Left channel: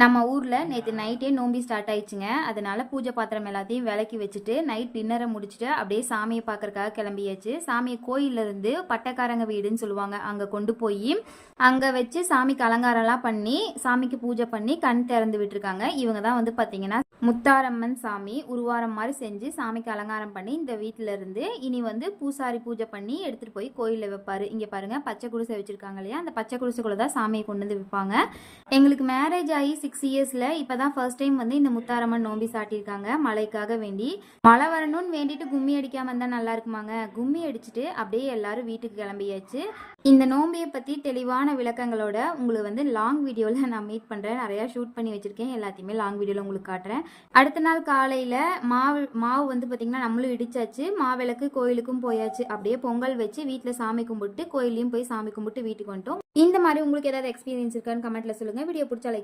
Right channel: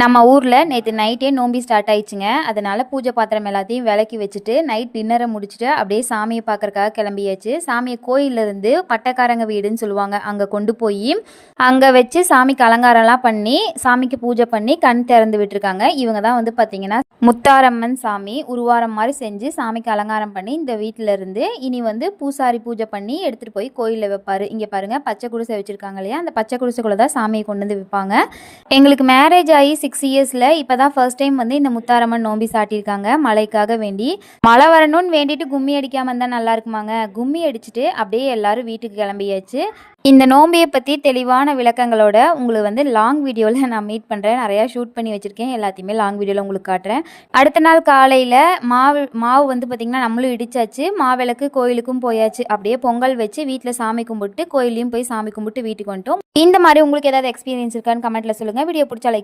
நம்ம ஊரில் நேற்று நைட்டே நோம்பி ஸ்டார்ட் ஆயிடுச்சுங்க. அதனால பூஜை பாத்திரம் எல்லாத்தையும் விலக்கி வச்சுட்டு நைட் டின்னரை முடிச்சுட்டு அப்படியே சாமியை பார்க்கறக்காக கிளம்பியாச்சு. சாமியை கோயிலிருந்து பட்டக்காரங்க வீடுன்னு சொல்லுவாங்க, அங்கே கொண்டு போய் அங்கே வச்சு சாமிக்கு அலங்காரம்லாம் பண்ணி சாமிக்கு பூஜை பண்ணி கண் திறந்து விட்டுருக்காங்க. இவங்க தான் வந்து பார்த்தீங்கன்னா முத்தாரம்மன் சாமி உருவாரம் மாதிரி செஞ்சு சாமிக்கு அலங்காரம் பண்ணி இந்த வீட்டில் இருந்து இனி வந்து பூசாரி பூஜை பண்ணி எடுத்துகிட்டு போய் கோயிலில் வைப்பார். இங்கே பாருங்கள், பச்சை குடிசை வச்சுருக்காங்க இல்லையா, அந்த பச்சை குடிசைக்குள்ளே தான் சாமியை கொண்டு வந்து வைப்பாங்க. எங்களுக்கு மேரேஜ் ஆகி 6 இயர்ஸில் இப்போ தான் ஃபர்ஸ்ட் டைம் வந்து இந்த முத்தாரம்மன் நோம்பி சாட்டியிருக்காங்க மழைக்காக வேண்டி. மழை வரணும்னு வேண்டிட்டு கும்மி அடிக்காமல் இருந்தால் நல்லா இருக்குமாங்க. கும்மி அடிச்சுட்டு அப்படியே எல்லாரும் வீட்டுக்கு கிளம்பியாச்சு. இந்த நோம்பியை பற்றி தெளிவான விளக்கங்களோட உங்களுக்கு வந்து லாங் வீடியோவில் நான் மீட் பண்ணுறேன். நிறையா ஷூட் பண்ணி வச்சுருக்கேன், எல்லாத்தையுமே லாங் வீடியோவில் உங்களுக்கு காட்டுறேன். அடுத்த நாள் காலையில் மாவு வந்து பார்த்திங்கன்னா நம்மளும் இடிச்சாச்சு. மாவிளக்கு கோயிலுக்கும் போயாச்சு. அப்படியே பொங்கல் வச்சு வீட்டில் சாமி கும்பிட்டு கோயிலையும் போய் சாமி கும்பிட்டு வீட்டுக்கு வந்துட்டோம். இந்த மாதிரி உங்களுக்கு ஏதாவது எக்ஸ்பீரியன்ஸ் இருக்கான்னு கமெண்ட்டில் சொல்லுங்கள். வீடியோ பிடிச்சா லைக்